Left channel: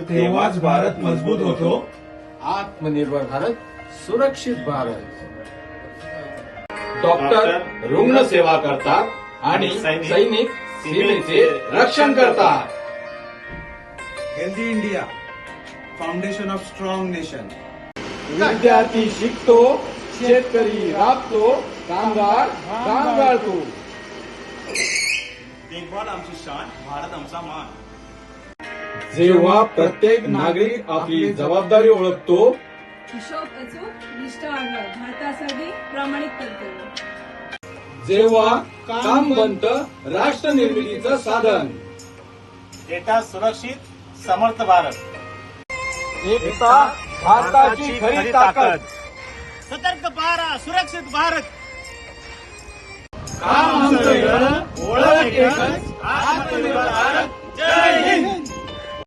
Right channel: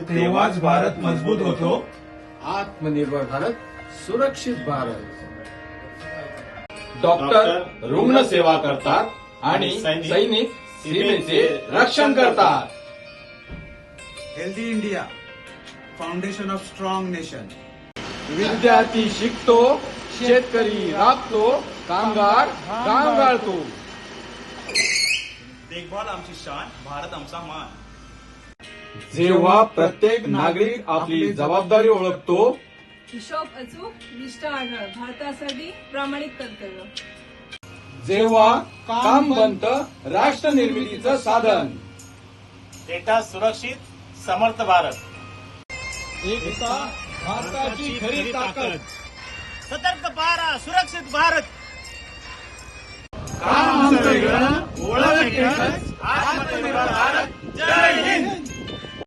तेव्हाच भारत मजबूत होतो. आत्मनिर्भर भारत, सुरक्षित भारत. डॉक्टर रुग्ण सेवा करतात आणि सैनिक सीमेचे रक्षण करतात. Healthy India, foundation of strong nation. विद्यार्थी शिकतो, शेतकरी राबतो, कामगार काम गाळतो. देखभाल आमची शान, भारत आमचा मान. जेव्हा प्रत्येक नागरिक आपली जबाबदारी ओळखतो, हिशोब अचूक, निष्ठा आढळ, भारतासाठी प्रामाणिक कर्तव्य. जेव्हा काम बनतं राष्ट्र निर्मितीचं साधन. डेटा सुरक्षित, समर्थ भारत. एकता भारताची खरी ताकद. सतर्क पारा, सुरक्षित भारत. काम आमचं वेगळं, ओळख एकच, आत्मनिर्भर भारत. जय हिंद.